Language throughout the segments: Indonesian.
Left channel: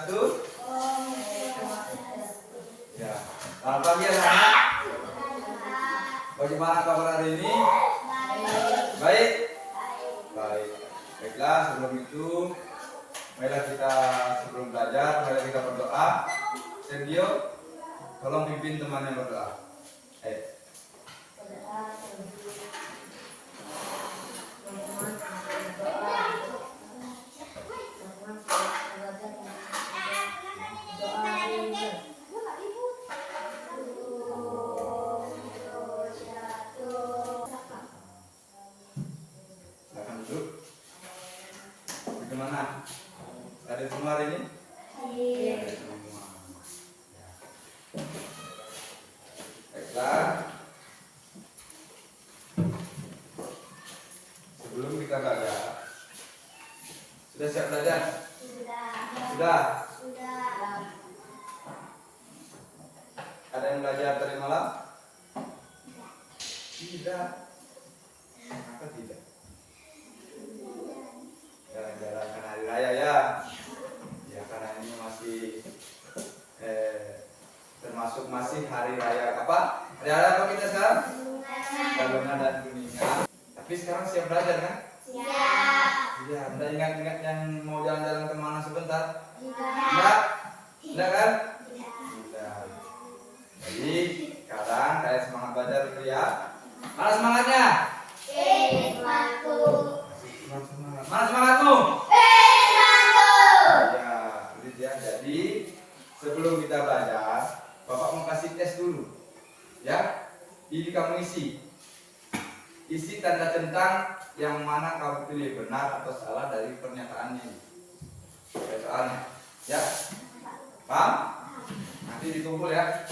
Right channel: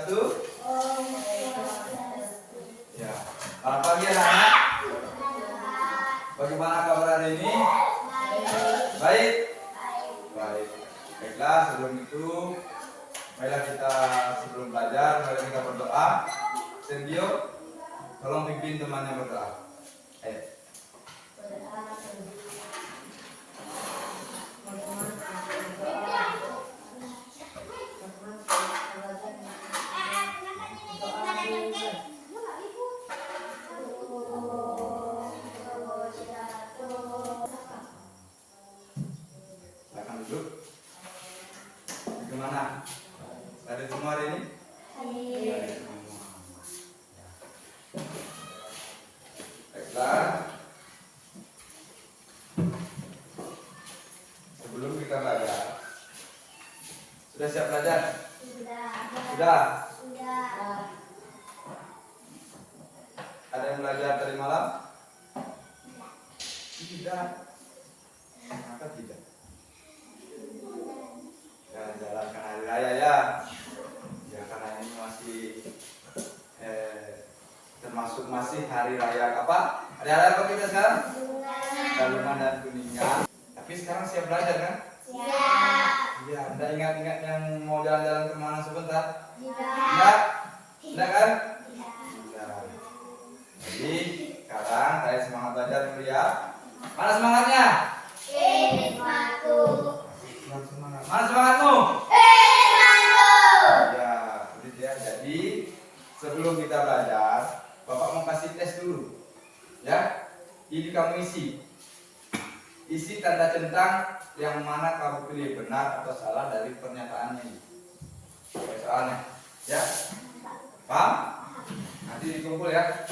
Swastiastu. Ya. Selamat pagi anak-anak. Bagaimana kabar hari ini? Baik. Baik. Baiklah, sebelum itu, marilah kita sebelum belajar, marilah kita berdoa. Sergio, tolong pimpin temannya berdoa. Ayo. Silakan duduk. Bagaimana? Ada semua hari ini? Ada semua. Baiklah. Sebelum kita belajar, sudah siap belajar? Sudah. Ada yang belajar tadi malam? Tidak. Kenapa tidak? Jalan-jalan kan hari raya ya. Ya karena ini masih termasuk masih hari raya apa? Hari raya apa kita sekarang? Balungan dan Kuningan. Tapi sekarang siap belajar kan? Siap. Ya, Anda ingat-ingat yang mau jalan-jalan kemana sebentar? Tidak. Tidak kan? Tidak. Jadi sekarang saya semangat belajar dulu ya. Mana semangatnya? Semangat. Mana semangatmu? Ya, itu dia. Jadi sebelum kita belajar, Bapak mau kasih tes dulu. Ya, ini kamu isi. Isi tanda centang yang mana kamu pilih benar atau salah dari pernyataan ini. Soalnya, ya, paham? Nanti dikumpul ya.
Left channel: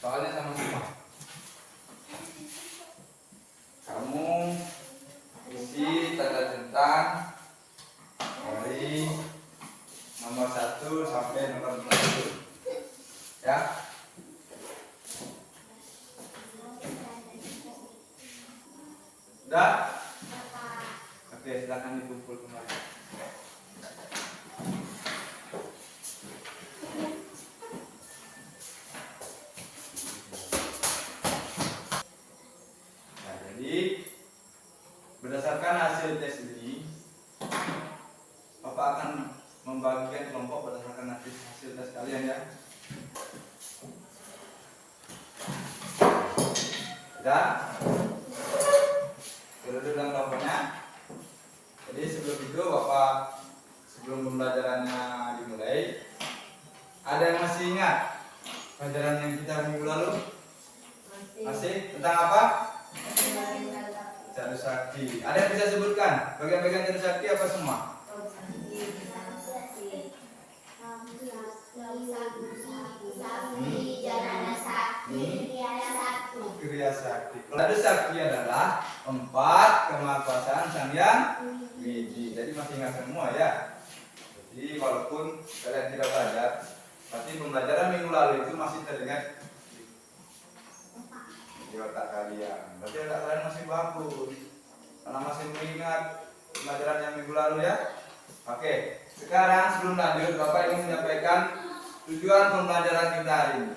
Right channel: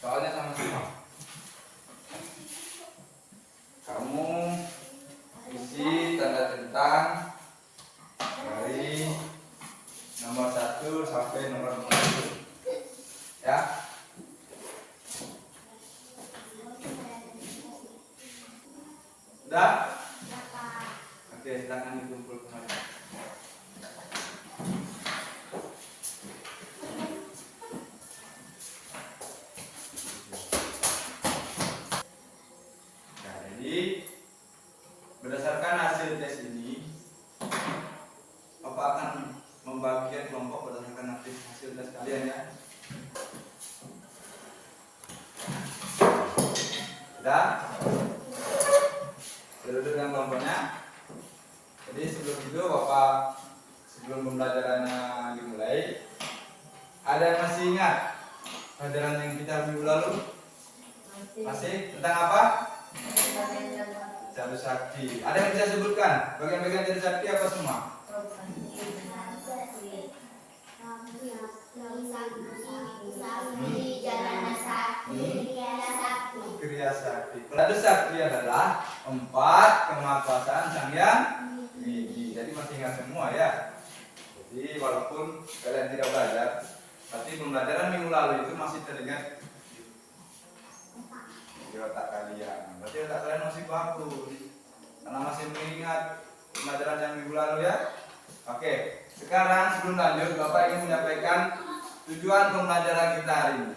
Soalnya sama-sama. Kamu isi tanda centang dari nomor 1 sampai nomor 41. Ya. Sudah? Oke, silakan dikumpul kembali. Nah, jadi berdasarkan hasil tes ini, Bapak akan membagikan kelompok berdasarkan hasil tes kalian ya. Sudah? Duduk dalam kelompoknya. Jadi sebelum itu Bapak, sebelum pembelajarannya dimulai, ada yang masih ingat pelajaran yang kita minggu lalu? Masih? Tentang apa? Jadu Sakti. Ada yang bisa sebutkan bagian-bagian Jadu Sakti apa semua? Kriya Sakti. Jadu Sakti adalah 4 kemahakuasaan Sang Hyang Widi. Jadi masih ingat semua ya. Jadi walaupun kalian tidak belajar, tapi pembelajaran minggu lalu itu masih teringat di otak kalian. Berarti otak kalian masih bagus karena masih mengingat pembelajaran yang minggu lalu ya. Oke, sekarang sebelum lanjut, Bapak ingin menyampaikan tujuan pembelajaran kita hari ini.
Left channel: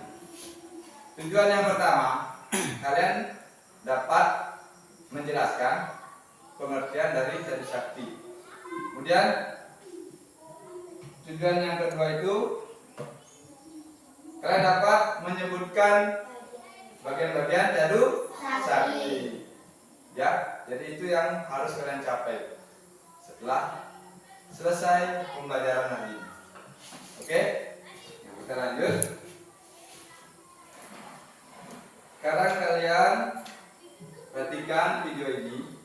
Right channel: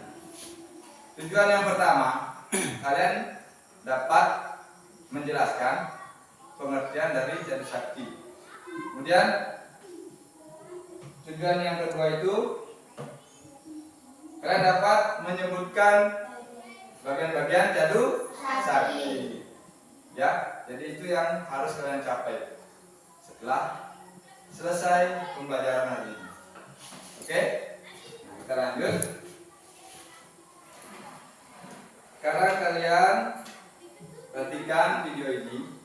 Tujuan yang pertama, kalian dapat menjelaskan pengertian dari Jadu Sakti. Kemudian tujuan yang kedua itu, kalian dapat menyebutkan bagian-bagian Jadu Sakti. Ya, jadi itu yang harus kalian capai setelah selesai pembelajaran hari ini. Oke, kita lanjut. Sekarang kalian perhatikan video ini.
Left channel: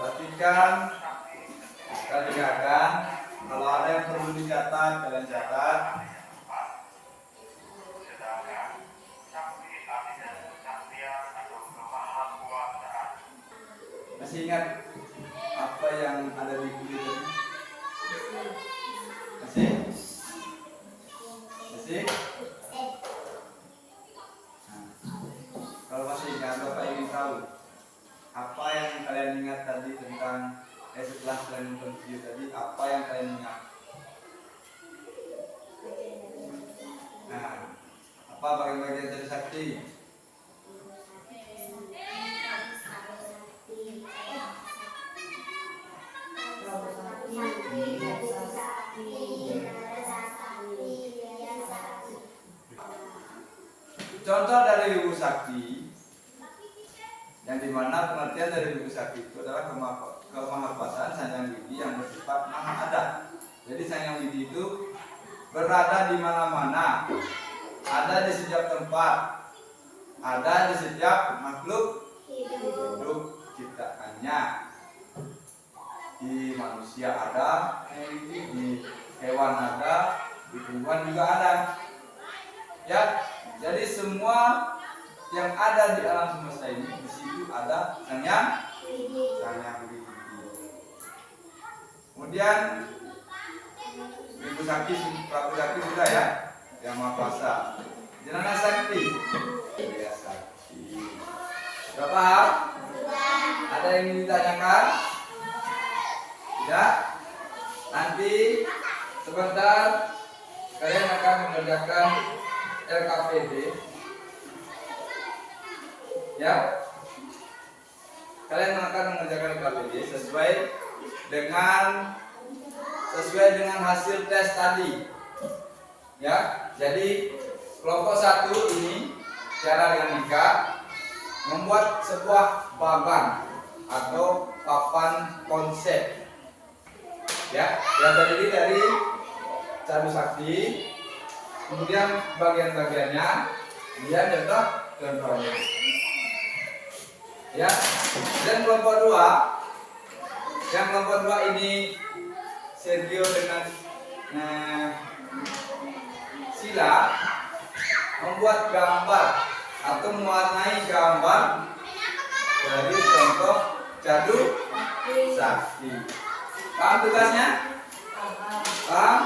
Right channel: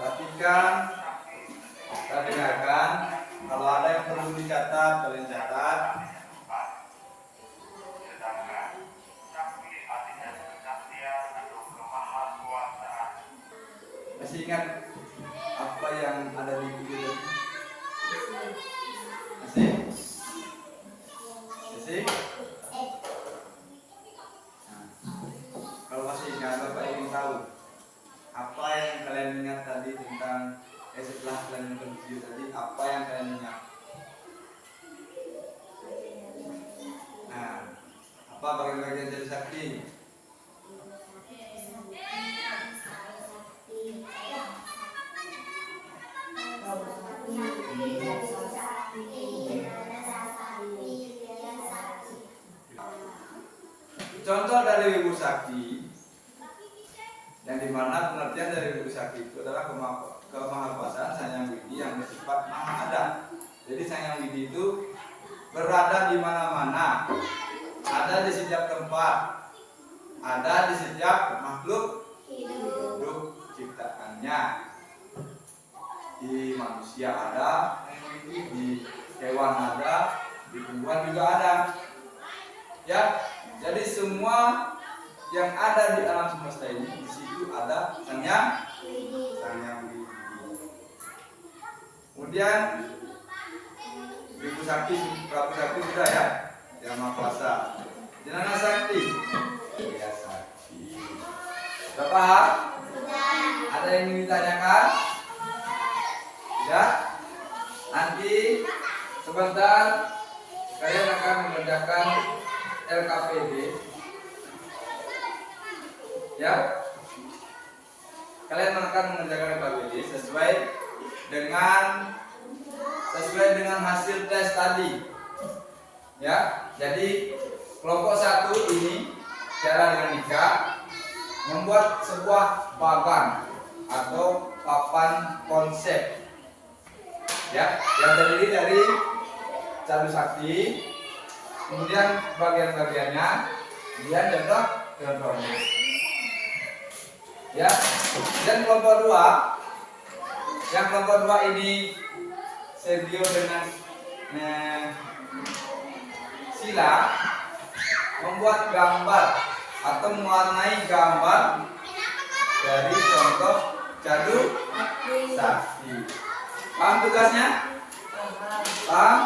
Perhatikan, kita dengarkan. Kalau ada yang perlu dicatat, kalian catat. Masih ingat apa yang ada di video ini? Masih? Masih? kalian ingat tadi tentang setelah kalian nonton video tadi, apa yang kalian ingat? Nah, apa bagian-bagian dari sakti? Contoh dari Wibu Sakti, yang dimana pengertian dari Wibu Sakti itu adalah kemahakuasaan Sang Widi yang bersifat maha ada. Jadi Sang Widi itu berada di mana-mana, ada di setiap tempat, ada di setiap makhluk hidup ciptaannya. Di manusia ada, di hewan ada, di tumbuhan juga ada. Ya. Jadi semua yang ada di alam semesta ini, di situ ada Sang Widi. Kemudian Wibu Sakti, Prabu Sakti sudah ya, yang Maha Kuasa. Jenana Sakti, ya Sakti. Sudah paham? Ada yang ingin ditanyakan? Tidak? Nanti sebentar kalian akan mengerjakan LKPD, ya. Kalian akan mengerjakan LKPD sesuai dengan hasil tes tadi, ya. Jadi kelompok 1 ini cara dengan Nika membuat sebuah bagan atau papan konsep, ya, yang terdiri dari Cadu Sakti. Kemudian bagian-bagiannya dia contohnya, ya. Dan kelompok 2 ini Sergio dengan Sila membuat gambar atau mewarnai gambar dari contoh Cadu Sakti. Paham tugasnya? Paham?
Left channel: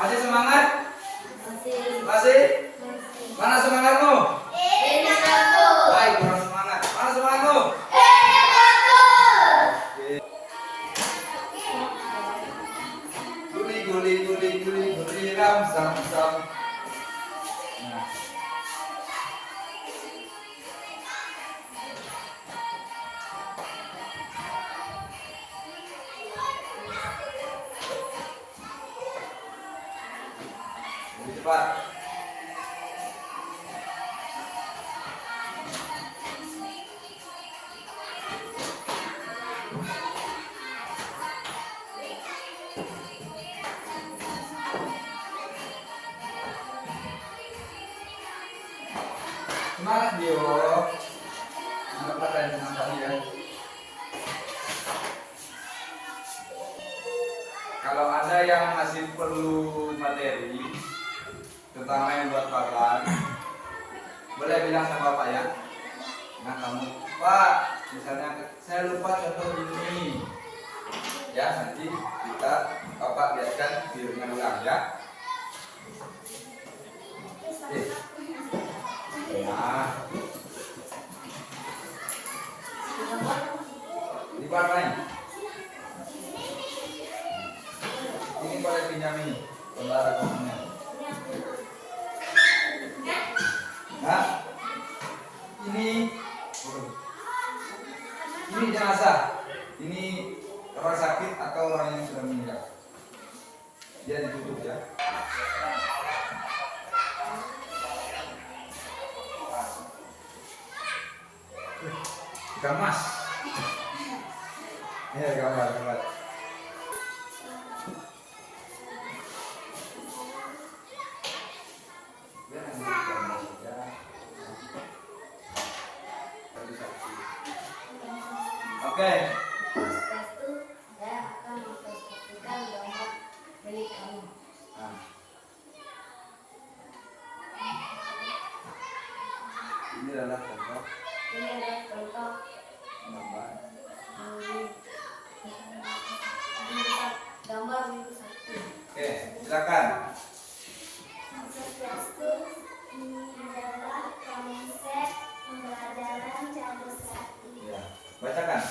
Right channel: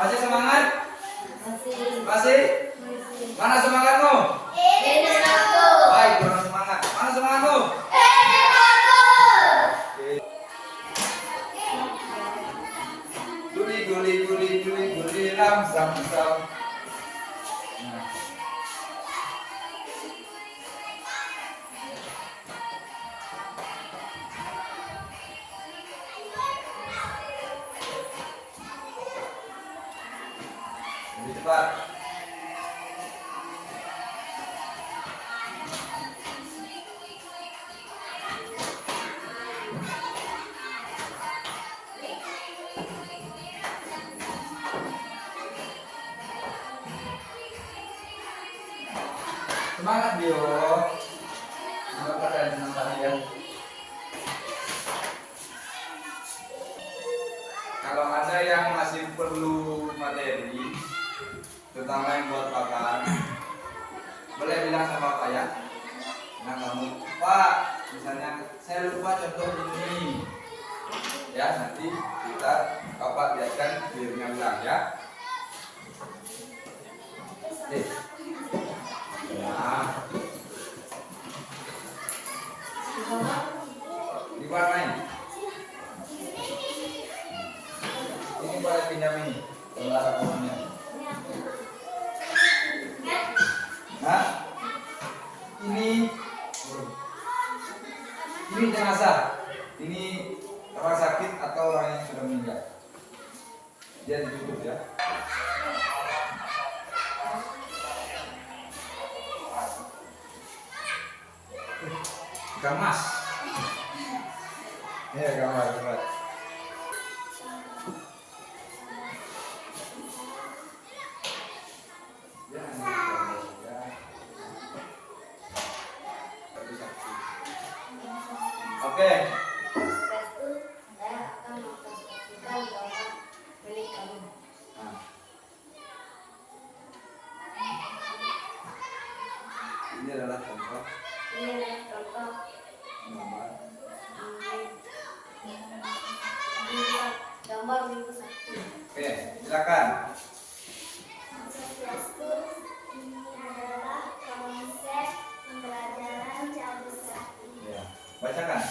Masih semangat? Masih? Mana semangatmu? Baik, kurang semangat. Mana semangatmu? Guli ram sam. Nah. Lebih cepat. Semangat Dio. Semangat kalian senang tadi ya. Kalau ada yang masih perlu materi, terutama yang buat papan, boleh bilang sama Pak ya. Nah kamu, Pak, misalnya saya lupa contoh ini, ya nanti kita Bapak biarkan videonya ulang ya. Oke. Nah, diwarnai. Ini boleh pinjam ini, gambar rekamannya. Nah, ini jenazah. Ini orang sakit atau orang yang sudah meninggal. Dia ditutup ya. Ikan mas. Ya gambar. Oke. Setelah itu saya akan mempresentasikan gambar milik kamu. Nah. Ini adalah contoh gambar. Gambar Wibu Sakti. Oke, silakan. Swastiastu, ini adalah konsep pembelajaran Cadu Sakti. Ya, bacakan.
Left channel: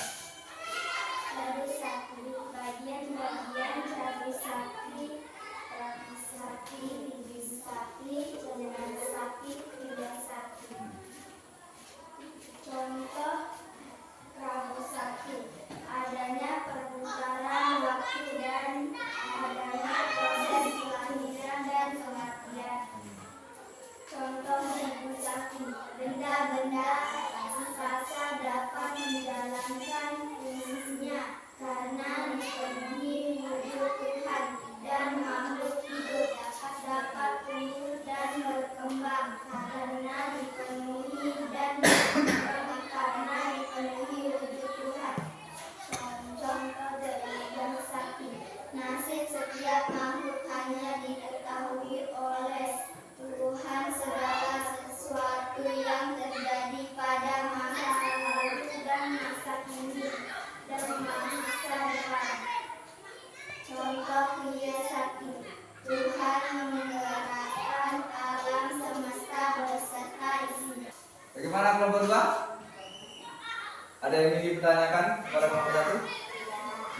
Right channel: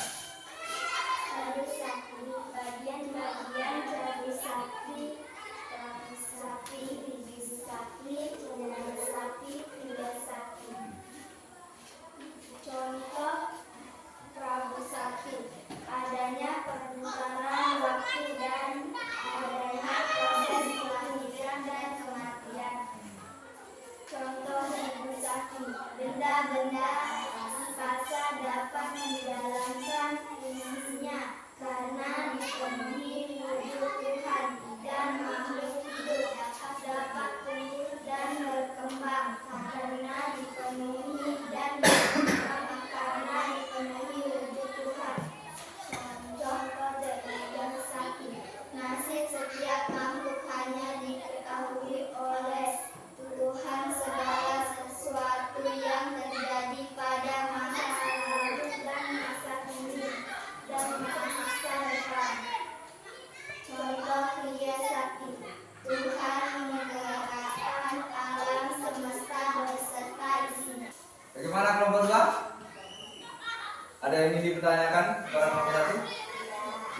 kepada kelompok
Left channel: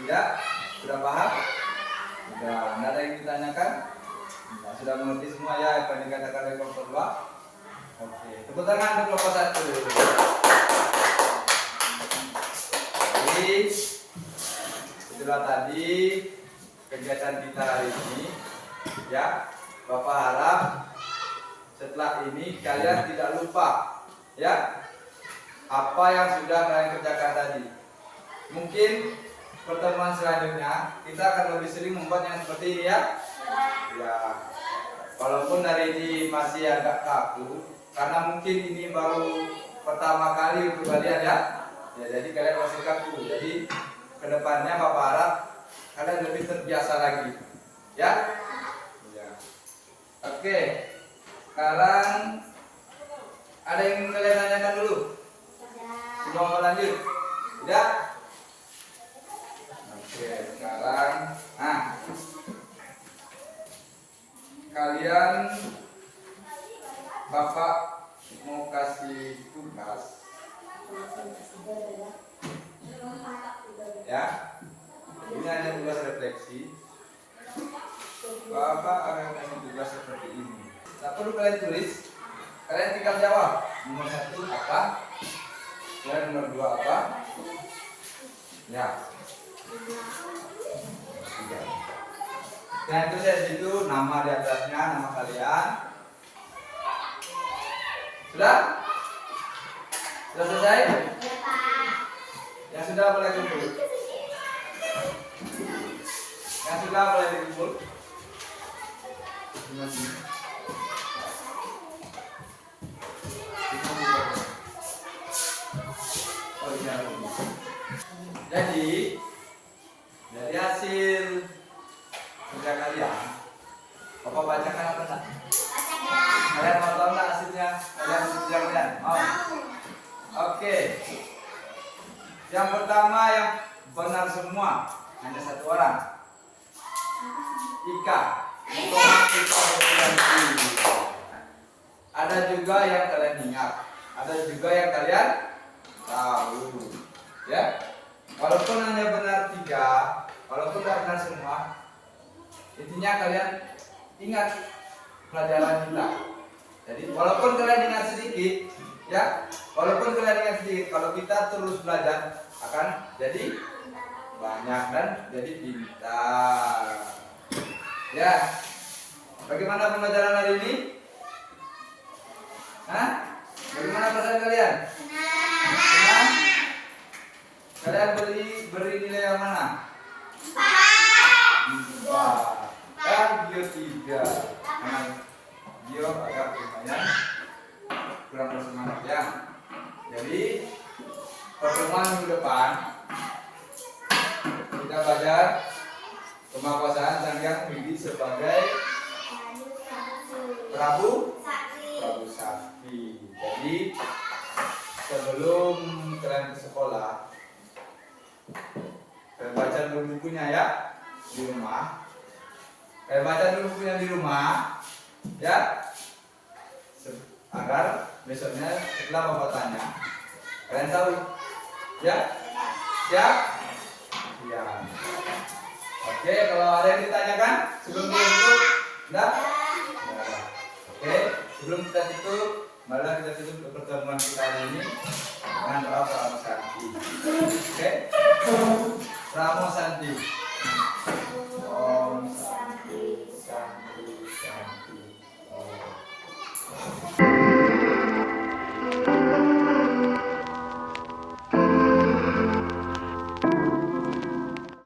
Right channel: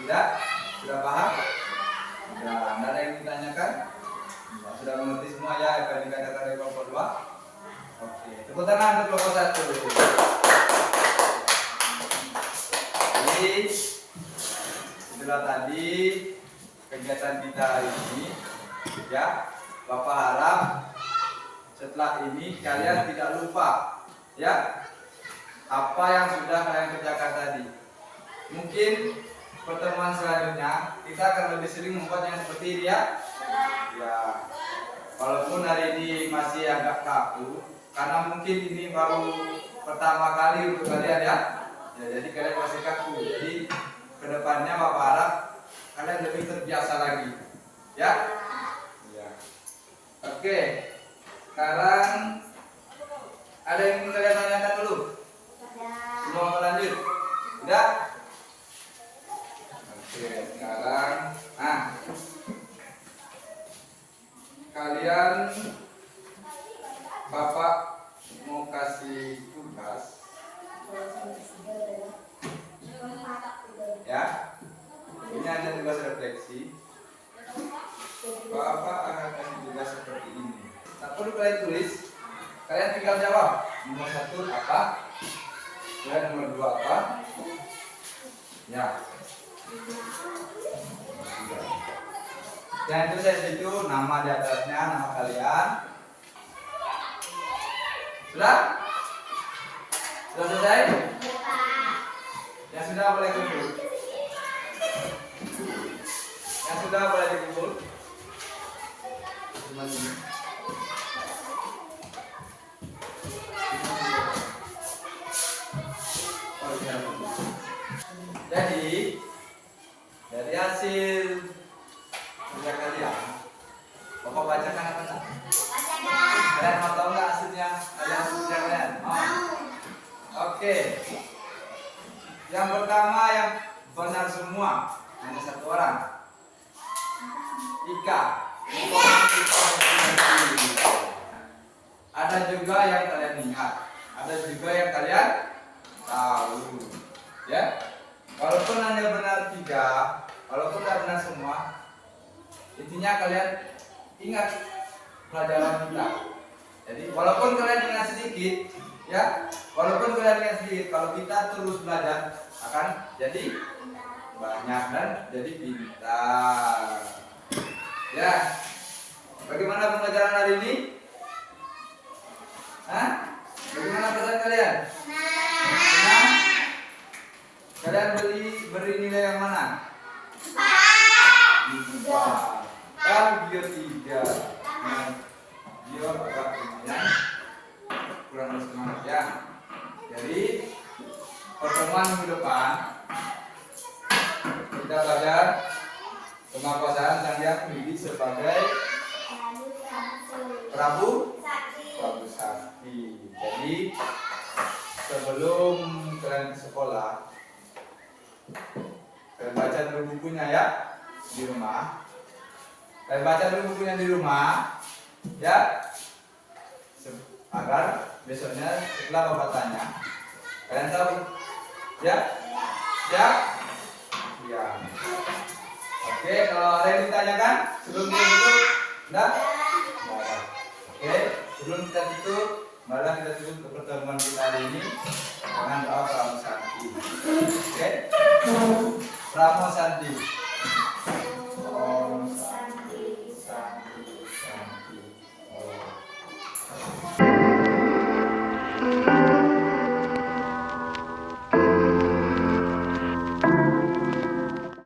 1? Tidak? Sudah paham? Sudah. Anda ada yang ditanyakan? Nah, sudah mengerti semua ya apa yang dikatakan oleh kelompok 2? Oke, tepuk tangan untuk kelompok 1. Jadi, itulah tadi kegiatan kita hari ini. Ya, Bapak harap setelah ini kalian tidak lupa ya apa yang sudah kalian kerjakan tadi. Mungkin pertemuan selanjutnya kita akan lebih sering membuat yang seperti ini ya. Ya, walaupun hari ini masih agak kaku karena mungkin ini baru pertama kali untuk kalian ya. Ya, jadi kalian masih kaku. Jadi kedepannya Bapak harap kalian lebih terbiasa lagi ya. Ya. Oke, sekarang ada yang ingin kalian tanyakan dulu sebelum lanjut? Tidak? Oke, sekarang kalian Bapak mau kasih tugas ya. Ini hanya tugas refleksi. Bapak akan kasih tugas seperti ini. Tak perlu kalian tulis, kalian tinggal jawab. Nomor 1 apa? Dan nomor 2 apa? Ya. Dan itu saya situ nama di atasnya, nama kalian. Sudah? Sudah selesai? Yang sudah boleh kumpul. Yang sudah boleh dikumpul. Jadi dari hasil kerja kalian, Bapak bacakan apa enggak? Kalian mau tahu nggak hasilnya? Kalian kerja kalian? Mau? Oke. Yang pertama yang benar semua hanya 1 orang. Ika. Ada juga yang kalian ingat, ada juga yang kalian tahu, ya. Walaupun hanya benar 3, walaupun tidak benar semua, intinya kalian ingat pelajaran kita. Jadi walaupun kalian ingat sedikit, ya, walaupun kalian ingat sedikit, kalau kita terus belajar akan jadi banyak dan jadi pintar. Ya, bagaimana pembelajaran hari ini? Hah? Bagaimana perasaan kalian? Senang? Kalian beri nilai yang mana? 4. Kan Gio 3. Gio agak lumayan kurang bersemangat ya. Jadi pertemuan minggu depan kita belajar pemapasan Sang Hyang Widi sebagai Prabu Sakti. Jadi sebelum kalian ke sekolah, kalian baca dulu bukunya ya di rumah. Kalian baca dulu bukunya di rumah, ya, agar besoknya setelah Bapak tanya, kalian tahu, ya, siap? Ya. Oke, kalau ada yang ditanyakan sebelum kita tutup, enggak? Oke, sebelum kita tutup, marilah kita tutup pertemuan kita hari ini dengan doa Pramu Santi. Oke, Pramu Santi.